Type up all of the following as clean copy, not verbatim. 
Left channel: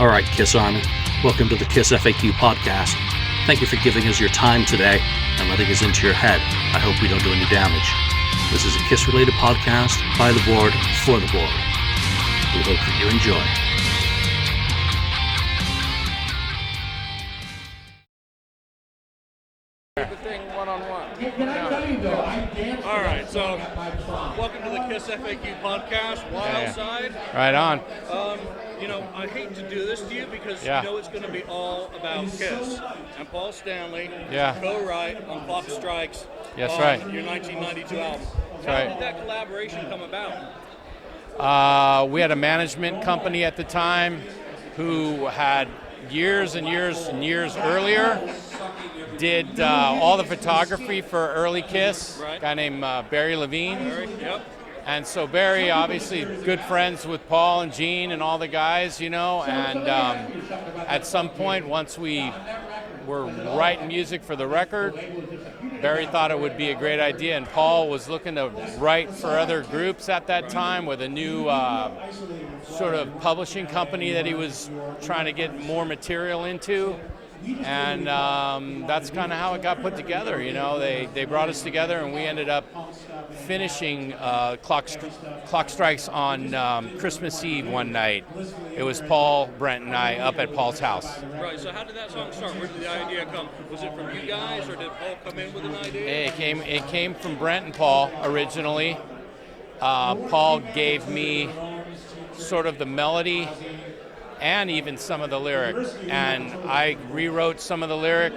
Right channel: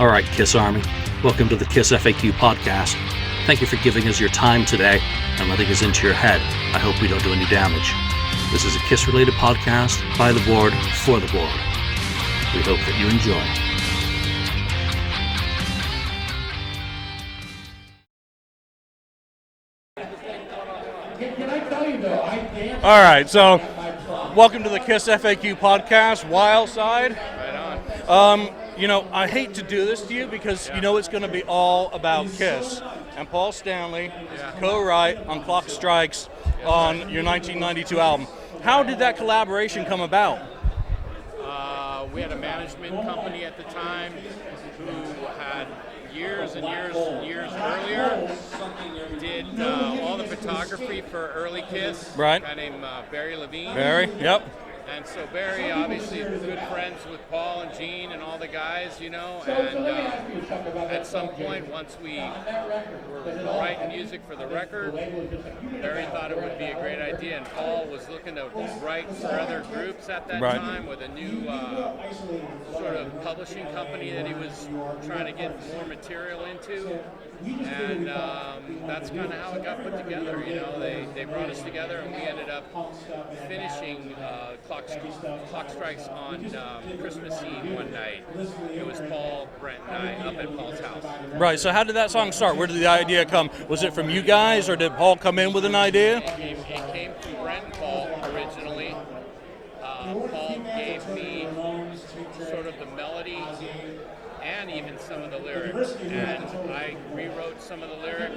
All right, Kiss Army, welcome to the KissFAQ podcast. Thank you for giving us your time today and letting us into your head. I hope we don't do any damage. This is a Kiss-related podcast by the board, for the board. We hope that you enjoy. All right, so welcome to the KissFAQ podcast, Wildside. Right on. I hate to do this to you because you know it's going to be all about Kiss. And Paul Stanley co-write on Clock Strikes on your 1992 album. How did that collaboration come about? We had a management company at the time who had years and years earlier did all the photography for early Kiss. Right. A guy named Barry Levine. Barry, yep. And so Barry, obviously good friends with Paul and Gene and all the guys, and at some point, once we were writing music for the record, Barry thought it would be a great idea, and Paul was looking to write for other groups at that time with a new sort of publishing company that he was trying to get more material into. And that's kind of how it got put together. They brought us together, and we ended up finishing Clock Strikes on Christmas Eve one night. It was Paul, Brent, and I up at Paul's house. Right, so how did that song start? Where did the idea come? Was it from you guys, or did Paul come in with an idea? It came from Brent and Paul originally. Paul gave me sort of the melody and even some of the lyrics, and I rewrote some of the lyric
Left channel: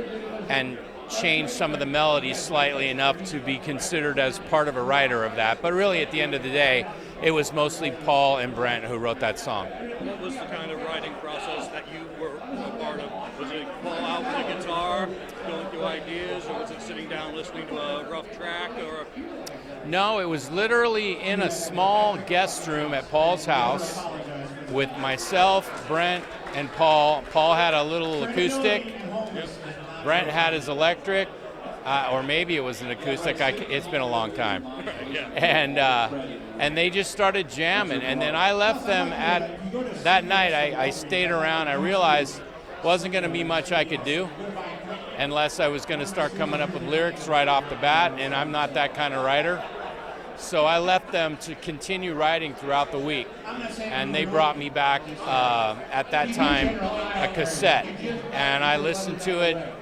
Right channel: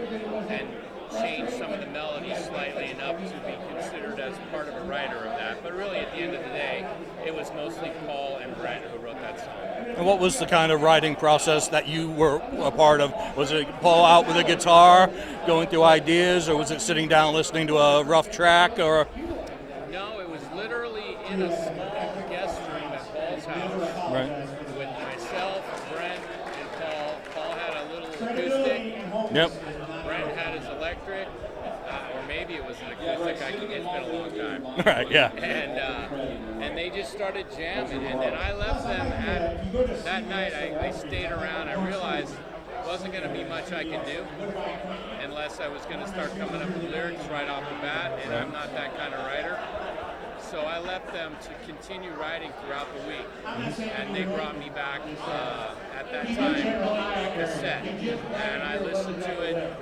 and changed some of the melodies slightly enough to be considered as part of a writer of that. But really, at the end of the day, it was mostly Paul and Brent who wrote that song. And what was the kind of writing process that you were a part of? Was it Paul out with a guitar, going through ideas, or was it sitting down listening to a rough track, or? No, it was literally in a small guest room at Paul's house with myself, Brent, and Paul. Paul had a little acoustic. Yep. Brent had his electric, or maybe it was an acoustic. It's been a long time. Right, yeah. And they just started jamming. And then I left them that night. I stayed around. I realized wasn't going to be much I could do unless I was going to start coming up with lyrics right off the bat, and I'm not that kind of writer. So I left them to continue writing throughout the week, and they brought me back at that time a cassette, and I listened to it,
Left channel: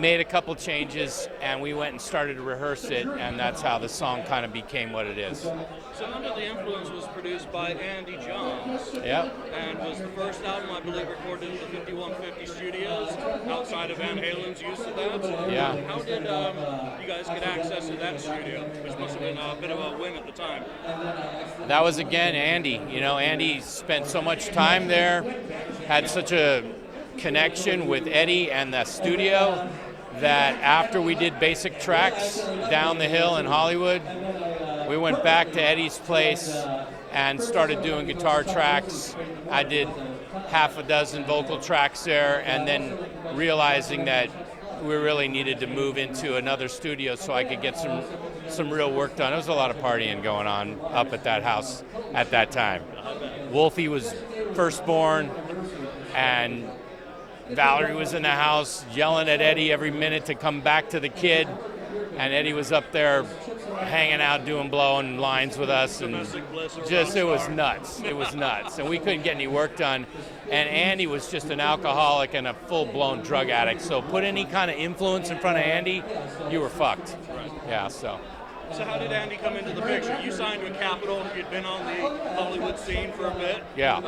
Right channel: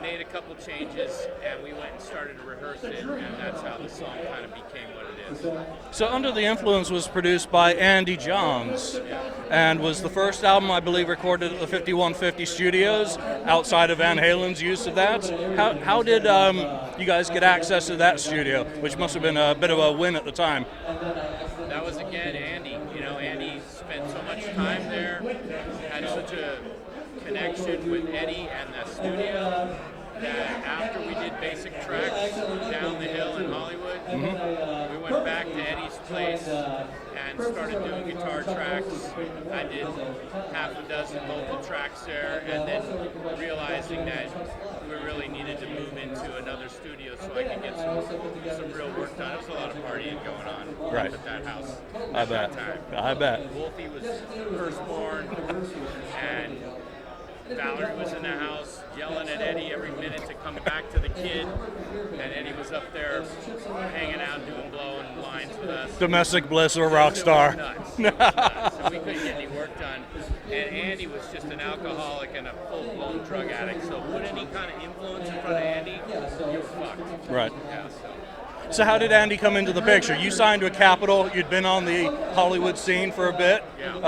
made a couple changes, and we went and started to rehearse it, and that's how the song kind of became what it is. So Under the Influence was produced by Andy Johns, and was the first album, I believe, recorded at the 5150 Studios, outside of Van Halen's use of that. How did you guys get access to that studio, which must have been a bit of a win at the time? That was, again, Andy. Andy spent so much time there, had such a connection with Eddie and the studio that after we did basic tracks down the hill in Hollywood, we went back to Eddie's place and started doing guitar tracks. I did half a dozen vocal tracks there, and then realizing that we really needed to move into another studio so I could get some real work done. There was a lot of partying going on up at that house at that time. I bet. Wolfie was firstborn, and Valerie was in the house yelling at Eddie every minute to come back to the kid, and Eddie was up there hanging out, blowing lines with us. Domestic bliss or rock star. It was nuts. It was nuts. And we couldn't get any work done. And Andy was just an alcoholic and a full-blown drug addict. So put any kind of influence in front of Andy, you were fucked. Right. Yeah, so. So how did Andy come into the picture? You signed with Capitol. You'd been on the Hollywood scene for a bit. Yeah.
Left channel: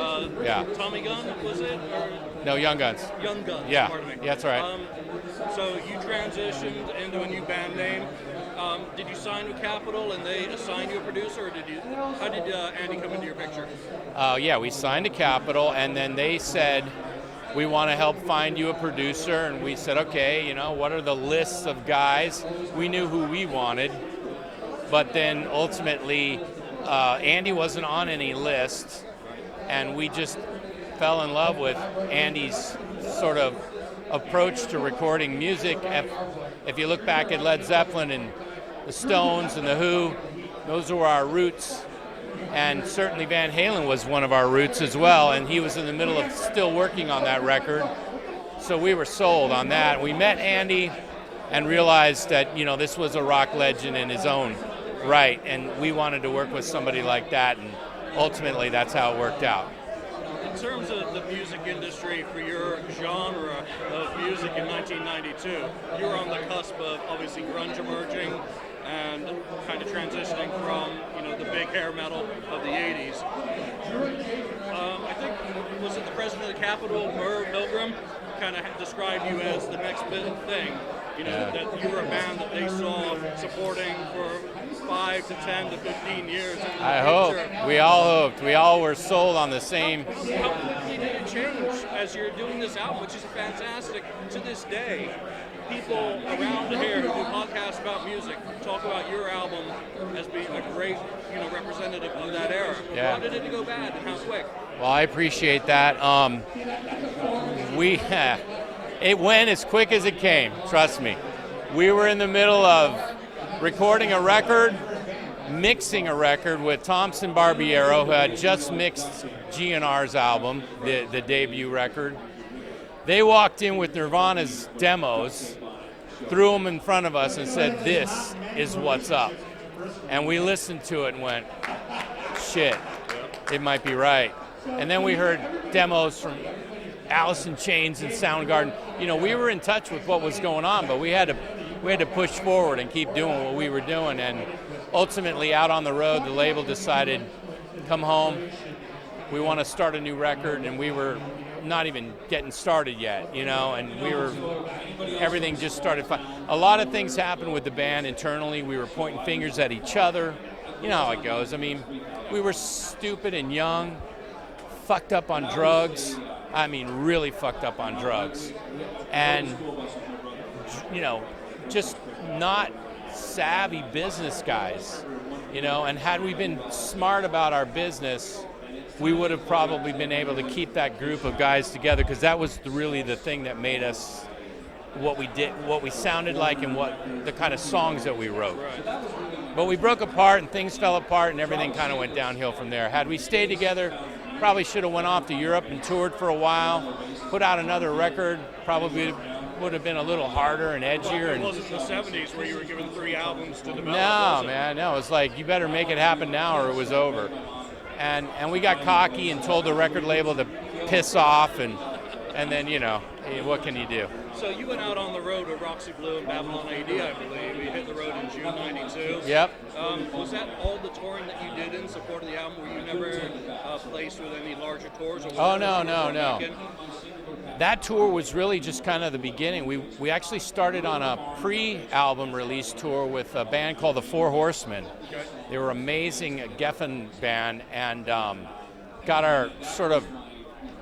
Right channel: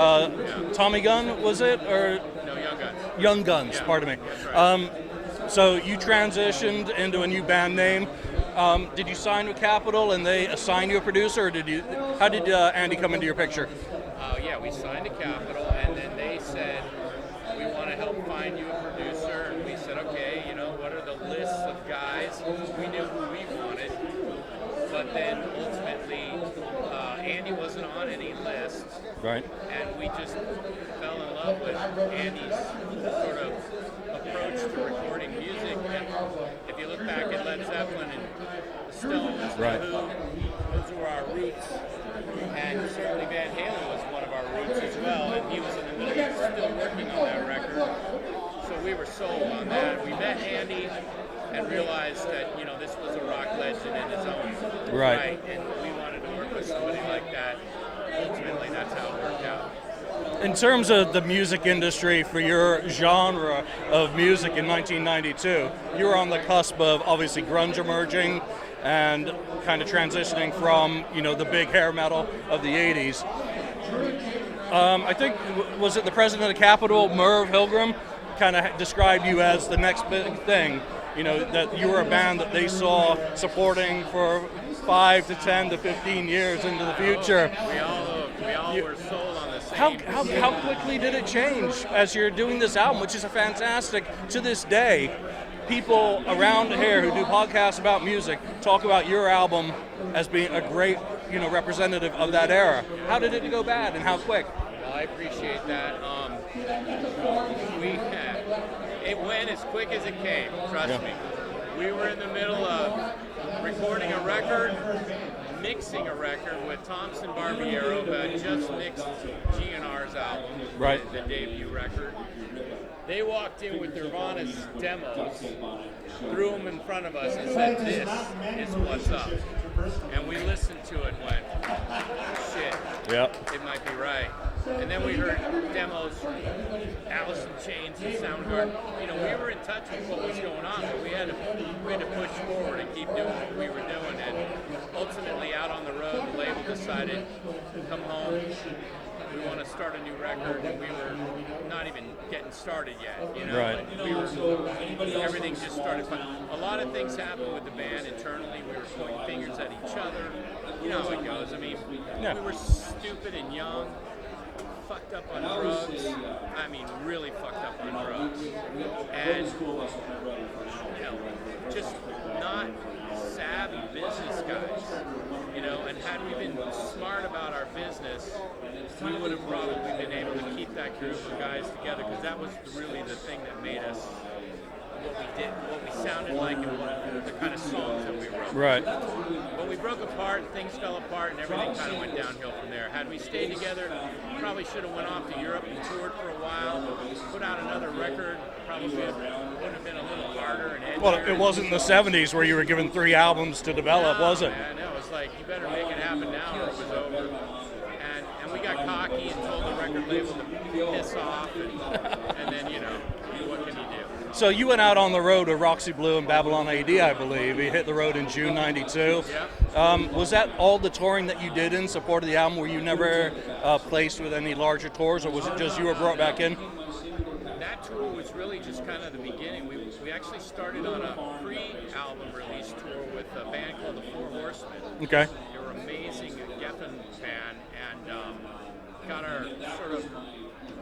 Tommy Gun, was it? Or no, Young Guns. Young Guns, pardon me. Yeah, that's right. So you transitioned into a new band name. Did you sign with Capitol and they assigned you a producer, or how did Andy come into your picture? We signed to Capitol, and then they said, we want to help find you a producer, and we said, okay, what are the lists of guys? We knew who we wanted. But then ultimately, Andy wasn't on any list, right? And we just fell in love with Andy's sort of approach to recording music. If you look back at Led Zeppelin and the Stones and the Who, those were our roots. And certainly Van Halen was one of our roots as well, and he was in the middle of still working on that record. So we were sold on that. We met Andy and realized that, this was a rock legend in his own right, and we wanted to work with somebody like that, and ultimately that's how it worked out. In terms of the music industry for your genre of music in 1992, you were on the cusp of obviously grunge emerging and kind of transitioning from, the big hair metal of the 80s. I think, was it the president of Capitol, Merv Hilgrim, kind of described you as the next big thing, that you were a band that they saw supporting for 5 to 10 to 15 years into the future. Hope. We all hoped. We all were sold on the same. How quickly did it change as you're doing this album, which is a fantastic, to this day, people around here who do podcasts about music talk about your album as being a great, representative of that era. Yeah. How did it go bad and how quick? Well, I appreciate that. It went as quick as it came, trust me. We were in the middle of recording a record, mixing a record with Thompson Barbiero, who had just mixed GNR's album, the debut record. They walked in with Nirvana's demos, threw them in front of us and said, "This is what's up." And we listened to it and went, shit, it might be right. And then we heard demos from Alice in Chains and Soundgarden. We were in touch with what was going on, but we had to push forward and keep doing what we were doing. And ultimately, out on the road, the label decided, come home. We want to start a new record, and we were not even getting started yet, and everything just started. A lot of things happened with the band internally. We were pointing fingers at each other. You know how it goes. I mean, we were stupid and young, fucked up on drugs. I mean, really fucked up on drugs. And, just not savvy business guys, and had we been smart about our business, we would have probably been able to keep that group of guys together, because that was really the thing that made us what we did, what we sounded like, and what the kind of songs that we wrote. Right. But we broke apart and things fell apart and everything kind of went downhill from there. Had we stayed together, probably should have went off to Europe and toured for a while, put out another record, probably would have been a little harder and edgier. Well, it wasn't the 70s where you were given 3 albums to develop, was it? No, it's like, you better make it happen now or it was over. And we got cocky and told the record label to piss off, and then, what can you do? So you went out on the road with Roxy Blue and Babylon AD, I believe. You hit the road in June '92. Yep. Was that all the touring that you did in support of the album? Were you never placed with any larger tours, or was it just you were brought back in? That tour was really just kind of the beginning. We actually started on a pre-album release tour with a band called the Four Horsemen. Okay. They were amazing Geffen band, and got our sort of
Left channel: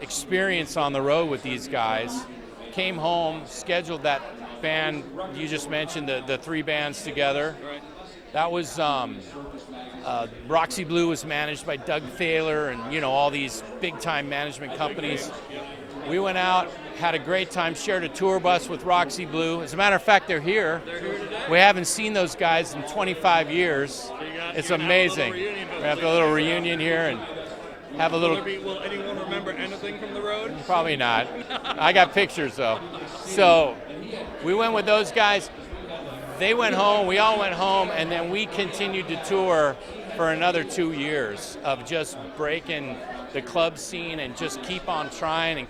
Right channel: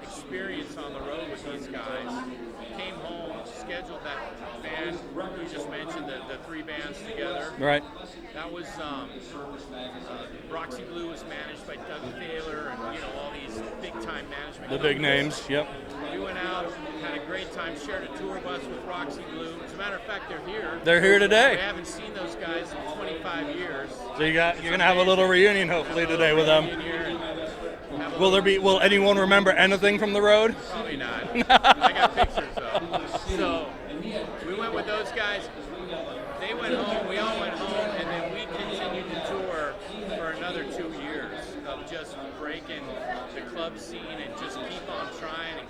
experience on the road with these guys. Came home, scheduled that band you just mentioned, the 3 bands together. Right. That was Roxy Blue was managed by Doug Thaler and all these big time management companies. Big names. Yep. We went out, had a great time, shared a tour bus with Roxy Blue. As a matter of fact, they're here. They're here today. We haven't seen those guys in 25 years. So you're it's gonna amazing. have a little reunion, hopefully. Have a little reunion here and have a little. Will anyone remember anything from the road? Probably not. I got pictures though. So we went with those guys. They went home, we all went home, and then we continued to tour for another 2 years of just breaking the club scene and just keep on trying.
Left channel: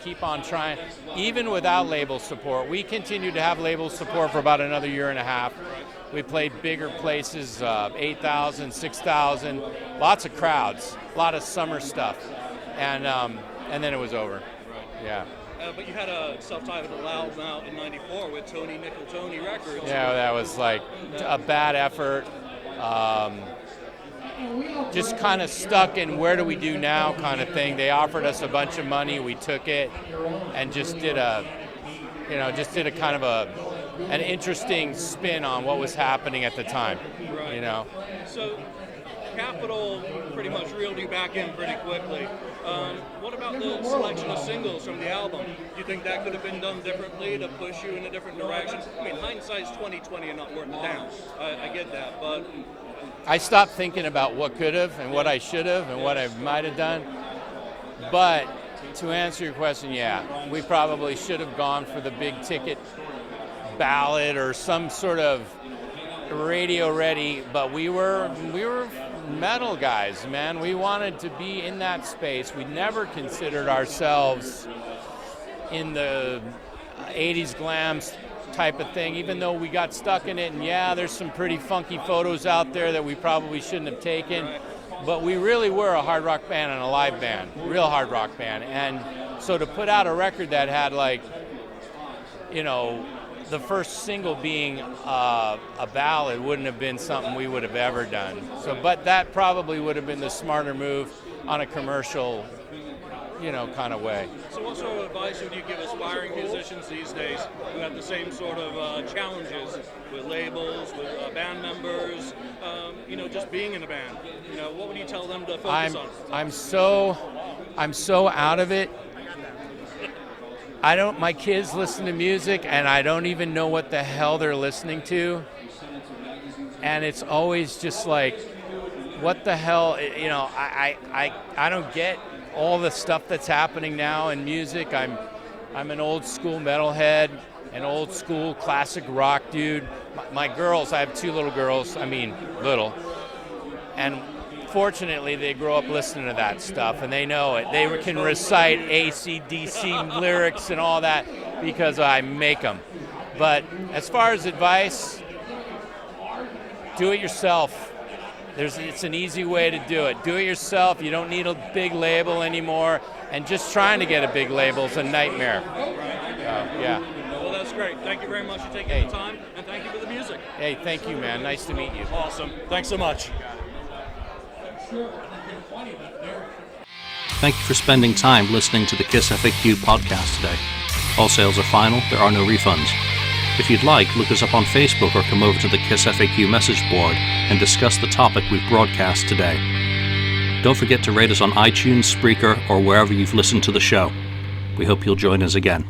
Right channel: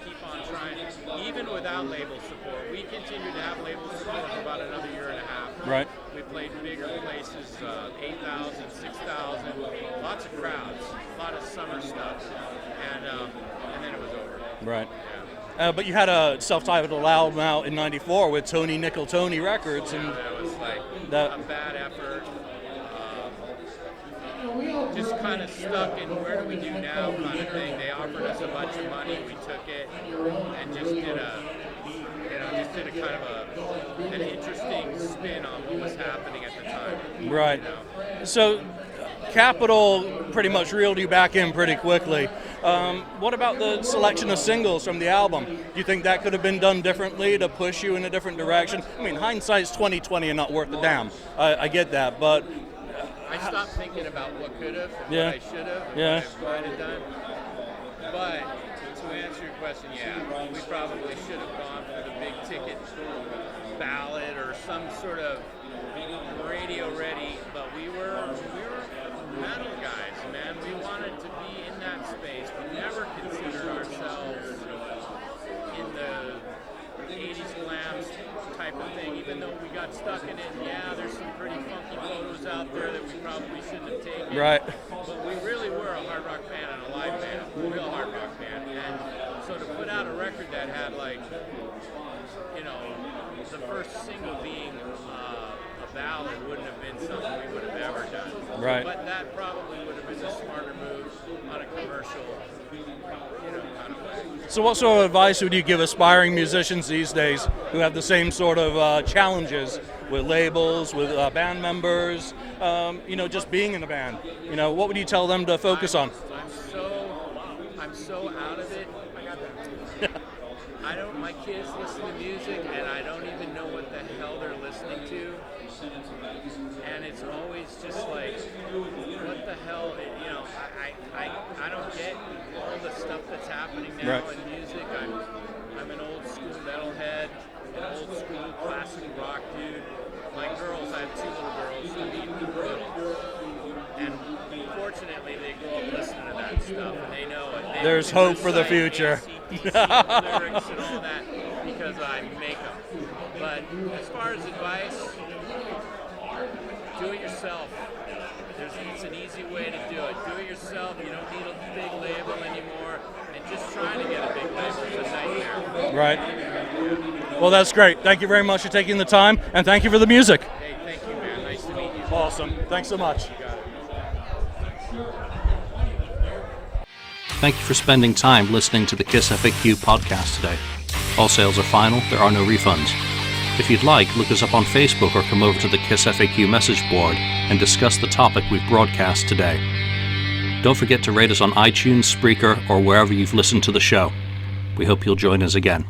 Even without label support. We continued to have label support for about another year and a half. Right. We played bigger places, 8,000, 6,000, lots of crowds, a lot of summer stuff, and then it was over. Right. Yeah. But you had a self-titled album out in '94 with Tony Nickel Tony Records. Yeah, that was like a bad effort. Just kind of stuck in where do we do now kind of thing. They offered us a bunch of money, we took it, and just did a kind of an interesting spin on what was happening at the time. Right. So Capitol pretty much reeled you back in pretty quickly. What about the selection of singles from the album? Do you think that could have been done differently to push you in a different direction? I mean, hindsight's 20/20 and not worth a damn. I get that, but I stopped thinking about what could have and what I should have and what I might have done. But to answer your question, we probably should have gone for the big ticket ballad or some sort of radio ready, but we were metal guys, man. We wanted to be in that space. We never considered ourselves in the 80s glam type of thing, even though we got stuck in it. And there's some pretty funky photos out there that we probably shouldn't have taken. Right. But we really were a hard rock band and a live band, real hard rock band. And so to put out a record that had the first single being a ballad wouldn't have been something we would have ever done. Right. But that probably would have been the smarter move on a commercial, kind of way. So what sort of advice would you give aspiring musicians these days who have the same sort of challenges with labels, with band members, just being in a band? What would you tell them to focus on? I'm so out of it. My kids listen to music and I don't even know what the hell they're listening to. And it's always just like, what the hell, I don't get all the stuff that's happening now in music. I'm an old school metalhead, an old school classic rock dude. My girls, I have 2 little girls, little. And fortunately, they grow up listening to that stuff, and they know it. They can recite AC/DC lyrics and all that because I make them. But as far as advice, do it yourself. It's an easy way to do it. Do it yourself. You don't need a big label anymore. And just trying to get a big label is a nightmare. Right. Yeah. Well, that's great. Thank you very much for taking the time, and thank you for the music. Hey, thank you, man. Nice to meet you. Awesome. Thanks so much. Thank you for spending time listening to the KissFAQ podcast today. All sales are final, there are no refunds. If you'd like, look us up on Facebook or come over to the KissFAQ message board and discuss the topic we've broadcast today. Don't forget to rate us on iTunes, Spreaker, or wherever you've listened to the show. We hope you'll join us again.